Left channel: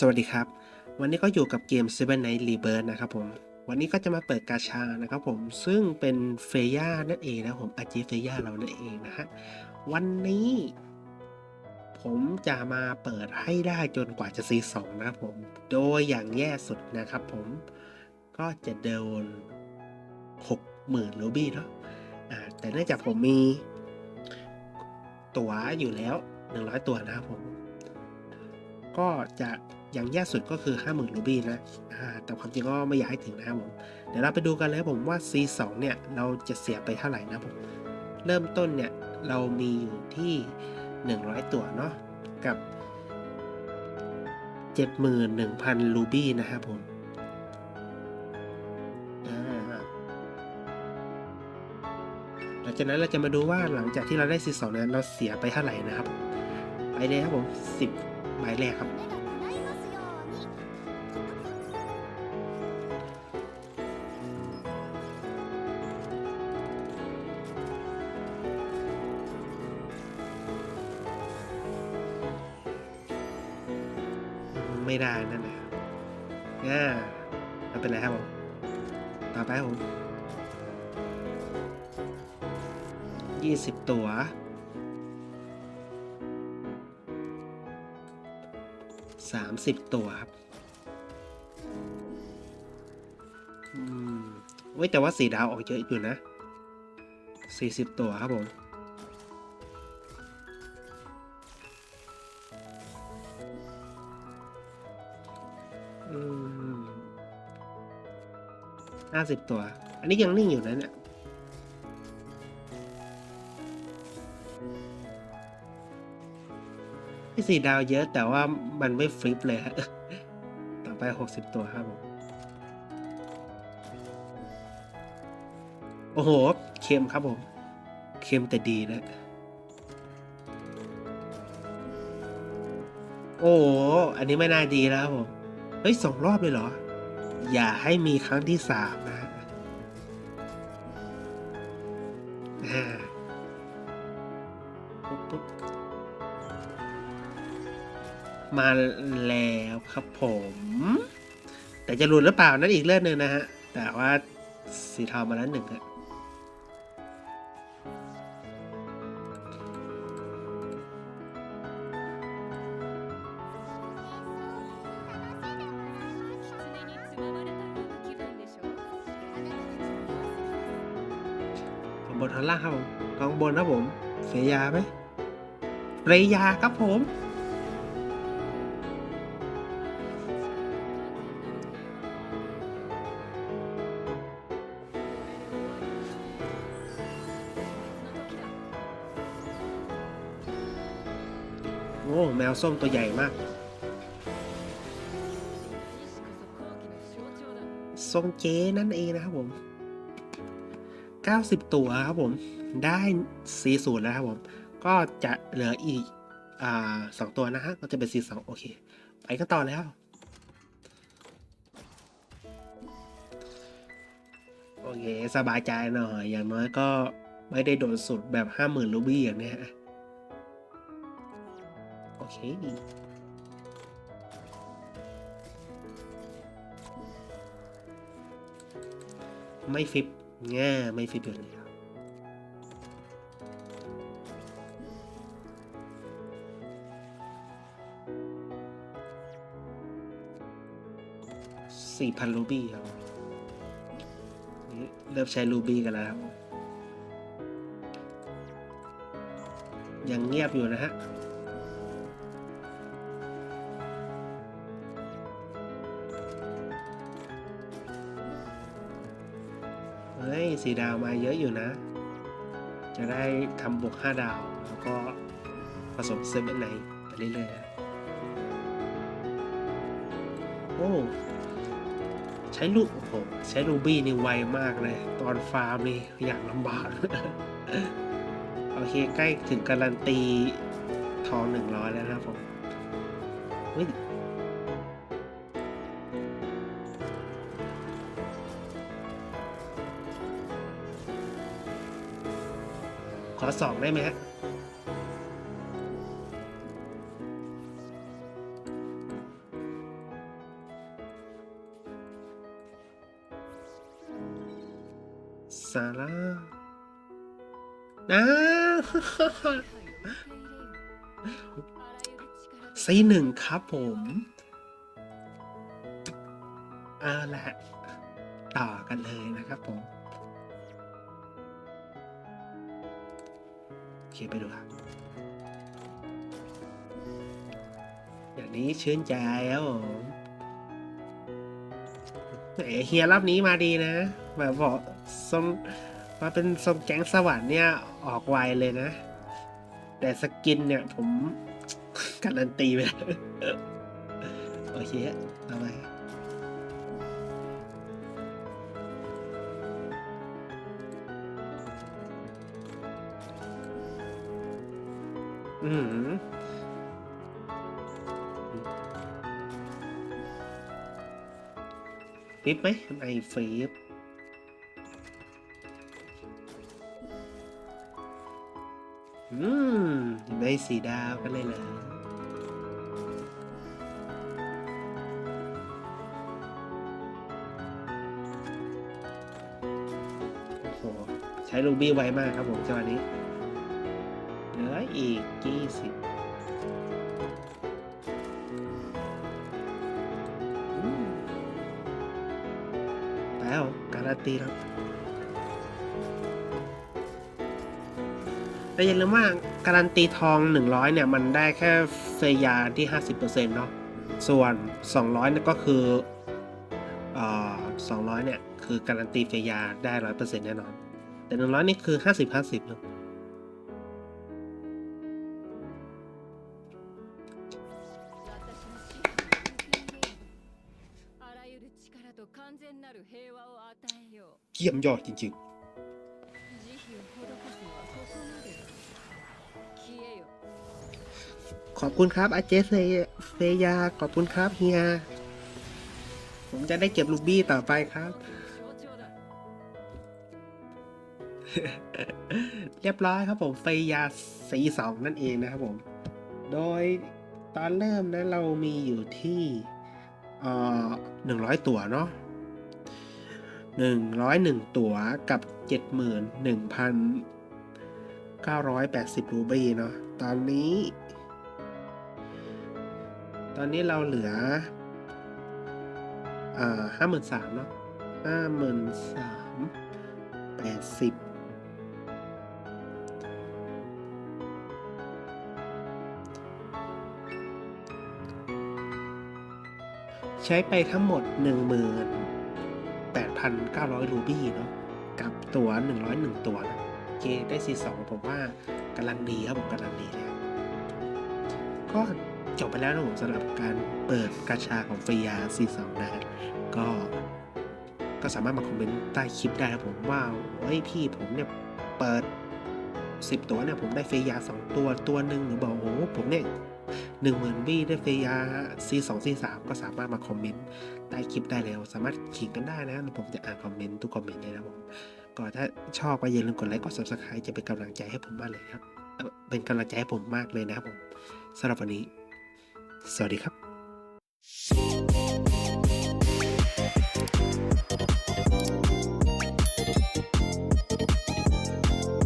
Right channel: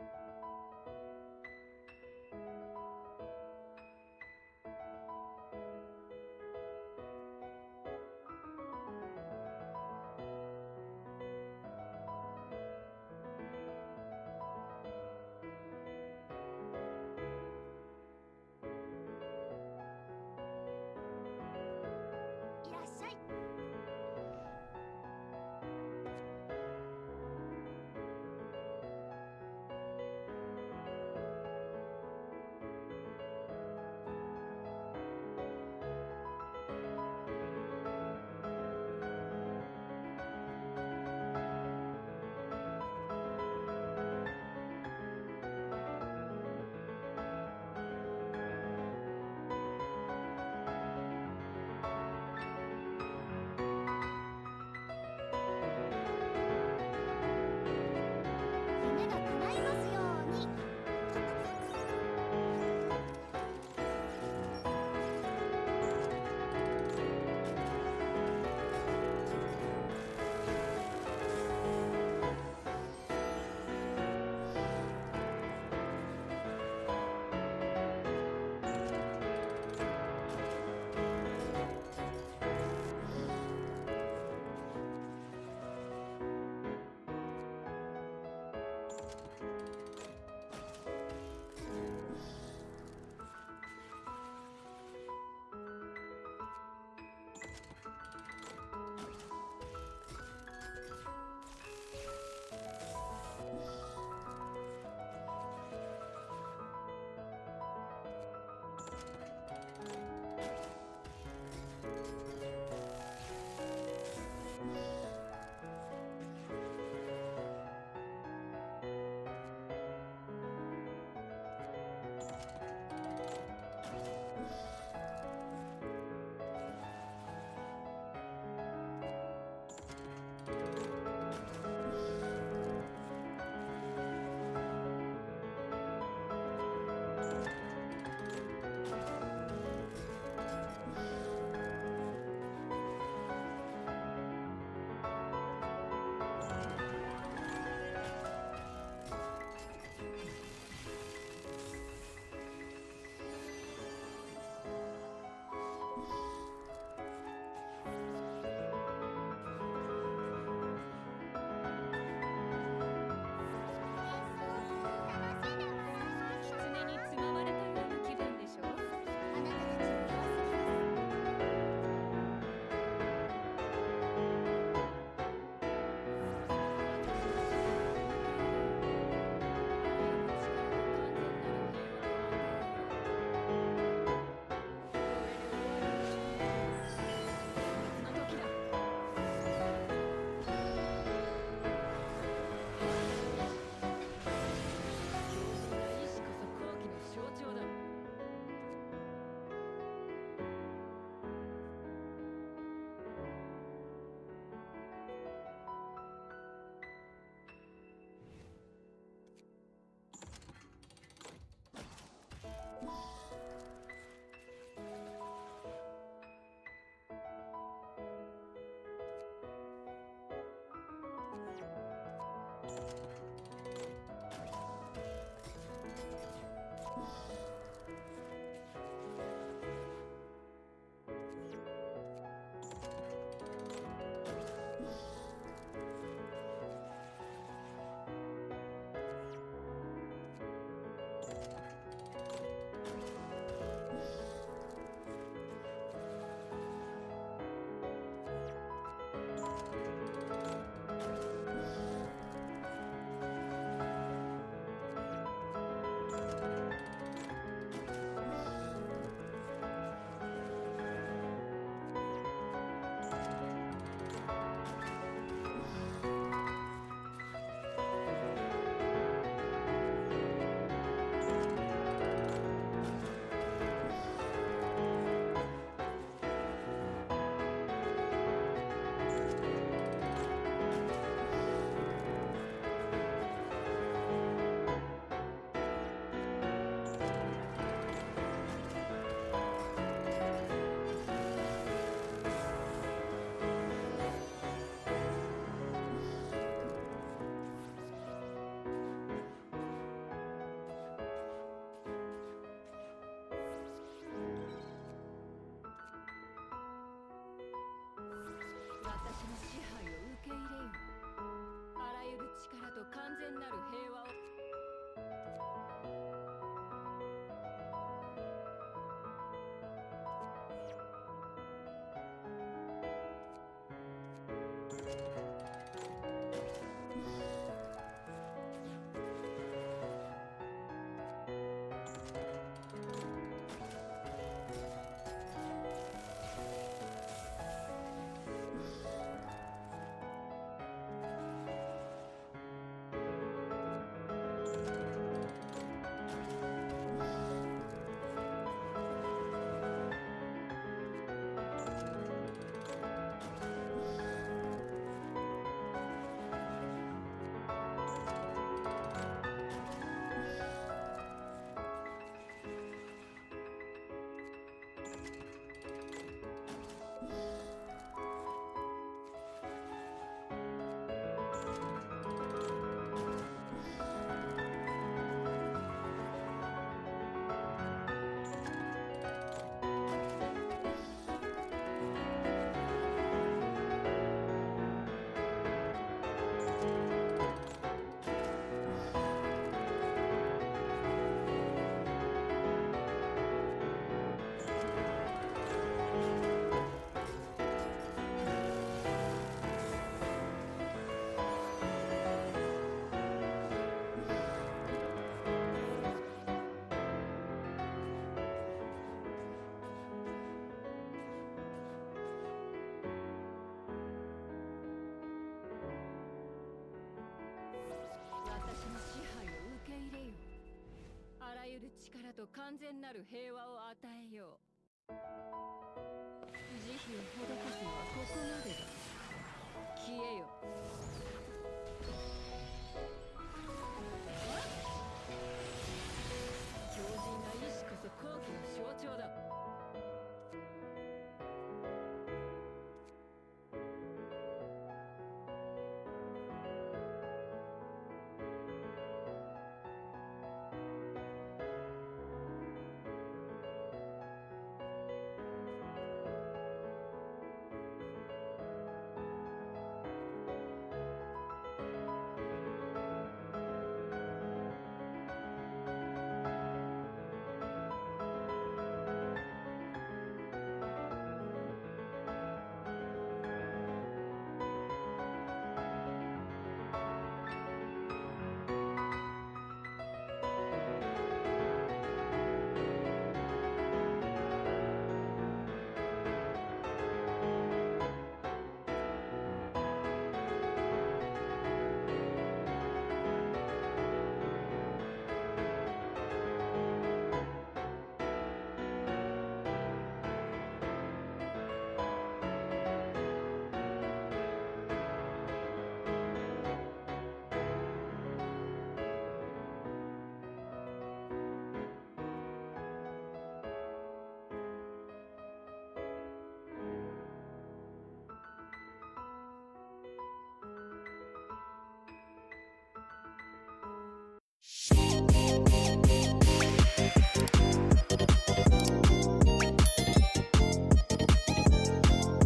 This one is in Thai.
สวัสดีครับ วันนี้ก็อยู่กับเกม Seven Night Rebirth นะครับผม วันนี้ก็จะมาเปิดกาชานะครับผม ซึ่งเป็นเฟย่านั่นเองนะผมอาจีเฟย่าเรานั่นเองนะฮะ วันนี้ ผมจะมาเปิดให้ได้จนกว่าจะซีสองนะครับผม โดยอย่างแย่สุดนะครับผม ก็จะโดนหกหมื่นรูบี้เนาะแต่เนื่องจากผมมี ตั๋วอยู่แล้วหนึ่งร้อยตัวนะครับผม ก็จะ อย่างแย่สุดก็คือ 50,000รูบี้นะแต่ความจริงก็ไม่อยากให้ถึงนะครับผม เดี๋ยวเราไปดูกันเลยผมว่า C2 เนี่ยเราจะเสียไปเท่าไหร่นะครับผม เริ่มต้นเนี่ยเรามีอยู่ที่ 100 ตัวเนาะกับ 71,000รูบี้นะครับผมหลังจากนั้นเราจะมาดูว่าหลังจากที่เราได้ C2 เนี่ยเราเสียไปเท่าไหร่นะครับ ไปเลยครับผม10ายแรกครับไม่ได้นั่นแหละอ่าเป็นไรครับผมต่อไปผมยี่สิบตัว สามสิบตัวครับอืมเว้ยแต่ว่าสีดาวออกเยอะอยู่นะสี่สิบตัวครับผมห้าสิบตัว อันนี้ยังนิ่งอยู่นะเนี่ย สี่ดาวเยอะแต่ว่ามันไม่ฟลิปเลยฮะต่อไปหกสิบตัวครับผมโอ้โห เค็มครับผม เค็มแต่ดีนะ โอ้โหอันนี้ไม่น่าดีแล้วครับผม เฮ้ยสองรอบเลยเหรอ อย่าให้มีครั้งที่สาม มาแล้วครับผม แต่จะหลุดหรือเปล่านั่นอีกเรื่องหนึ่งนะฮะ แต่ว่าสีเทามาแล้วหนึ่งอะบนทางล่างครับผมลองบนนะผมเสียยาไหมเรยาครับผม แมวส้มตัวใหญ่มากทรงเจนั่นเองนะครับผม 90 ตัวครับผม ได้40แล้วครับผม ก็จะเหลืออีกอสองตัวนะฮะ ก็จะเป็น42โอเค ไปกันต่อแล้ว โอเค สบายใจหน่อย อย่างน้อยก็ไม่ได้โดนสุดแบบ 50,000รูบี้อย่างเนี้ย ฮะโอเคดีไม่ฟิปง่ไม่ฟิปอยู่แล้วสี่พันรูบี้ครับนี่เริ่มใช้รูบี้กันแล้ว ยังเงียบอยู่นะฮะ เฮ้ยสีดาวมาเยอะอยู่นะ จะได้ทำบวกห้าดาว แล้วก็ผสมเซเว่นไนไปเรื่อยๆโอ้ใช้ลูกโอ้ใช้รูบี้นี่ไวมากเลย ตอนฟาร์มนี่อย่างลำบาก โอเค ใกล้ถึงการันตีทองหนึ่งร้อยแล้วนะครับผม อสอบได้ไหมฮะซาระนะไซหนึ่งครับผมเอาละต่อกันเลยนะครับผม คไปดูครับ อย่างนี้ชื่นใจแล้วผมเฮียรอบนี้มาดีนะแบบบอกสมมาเป็นสมแก๊งสวรรค์เนี่ย ออกไวเลยนะ แต่สกินเนี่ยผมการันตีไปแล้ว อืมฟิปไหมไอฟิปอืม ได้สีดาวกันเลยเหรอโอ้โหใช้ลูบี้ไวมากครับผมจังหวะนี้ การันตีแล้วแต่อย่าลืมว่าการันตีทอง 100 เนี่ย มันได้แค่เฟยาที่ 50%เนาะ ส่วน 200เนี่ยก็คือเอ่อ200 เนี่ย คือการันตีเฟยาได้ 100%แน่นอน แต่ 100 นี่คือ 50 50ครับ ゆる力と完全なる平和を与えよ เยี่ยมยอดจริง う慈悲を施すのはここまでだ消えよ ๆ ขอบคุณครับอาเจเฟยเฟยา ขอบคุณครับเฮีย ผมจะได้เก็บลูบี้ต่อไปครับ 象徴だ เรียบร้อยครับผมเฟยาสีสองนั่นเองนะครับผม โดยตอนเริ่มนะเรามีอยู่ที่ เอ่อหนึ่งร้อยตั๋วเนาะหนึ่งร้อยหนึ่งตั๋วกับเจ็ดหมื่นหนึ่งพันเก้าร้อยแปดสิบรูบีเนาะตอนนี้ ตอนนี้เราเหลืออ่าห้าหมื่นสามเนาะห้าหมื่นสามแปดสิบ ใช้ไปทั้งหมด 18,900 รูบี้เนาะกับตัว 101 ตัวนะโอเคได้ 42 ผมว่ากำลังดีครับผมกำลังดีเลยก็จบไปแล้วนะผมสำหรับการเปิดกาชาของฟรียา 42นะฮะก็ก็สามารถมาคอมเมนต์ใต้คลิปได้ครับผมว่าเฮ้ยพี่ผมเนี่ยเปิด 10 ตัวเนี่ยผมได้ฟรียา 2 ตัวตัวหนึ่งหรือบอกโอ้ผมเนี่ย หนึ่งหมื่นบี้ได้เฟยา C2 C3 ก็สามารถมาคอมเมนต์ใต้คลิปได้เลยสามารถขิงกันได้นะผมจะอ่านคอมเมนต์ทุกคอมเมนต์เลยนะผมก็ถ้าชอบก็อย่าลืมกดไลค์กด subscribe จะเป็นกำลังใจให้ผมมากเลยครับเอ่อเป็นกำลังใจให้ผมมากเลยนะครับผมสำหรับวันนี้ สวัสดีครับ